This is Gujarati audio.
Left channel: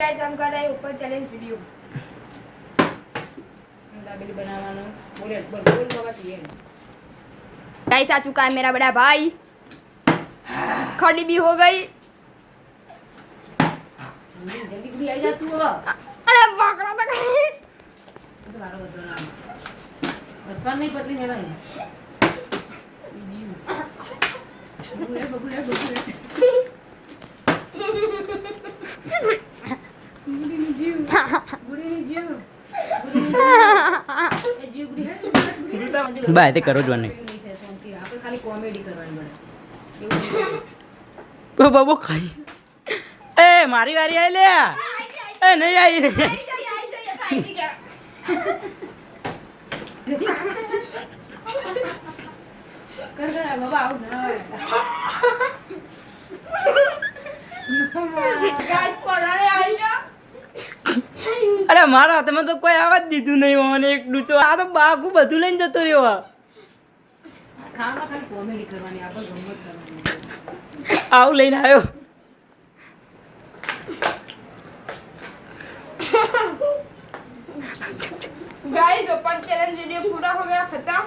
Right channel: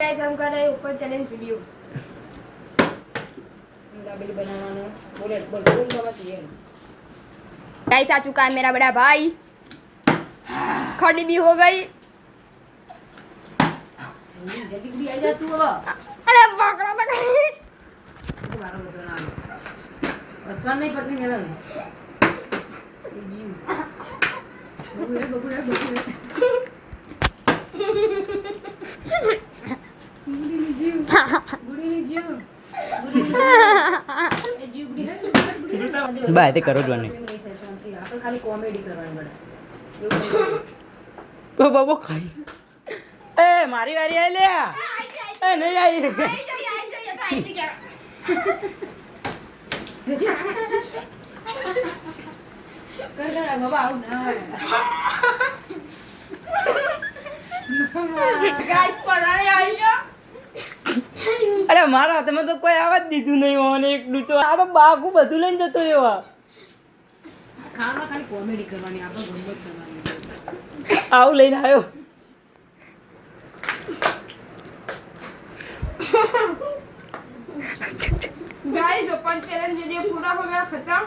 गाइस हम कर रहे हैं ऊपर चैलेंज वीडियो दाबेली बनाना बोले बोल बोल बाबा ये गाइस आ चुका है मेरा बड़ा भाई खड़ी भी हो गई जल्दी जल्दी गुड़ी आई जा तू बाबा अरे पकड़ा तो कहीं तो मारो तो ना अस्वान में पटनी नेवन बबू यार गुड़ी ની જીવ એ જીવ ગુડી હેડ બાય તે કરો જ મને આપણે ખાલી કોમેડી કરવાની પડે એવું તો બાબો ખાઈ એ મારી વારી આઈ લે એ નહીં આવી કર કર બાબા આવું ના હોય गाइस पढ़ाने आई क्या અરે મારા હાથમાં તો કોઈ આવવા જ દીધું નહીં મને એક ડૂચો આ તો બાગુ બધું લઈને જતો રહ્યો ખાવામાં ખાલી કોમેડી કરવાની આપણે ગમત કરવાની આવું લઈને આવ્યો गाइस ऊपर चैलेंज वीडियो पूरा हो गया खत्म।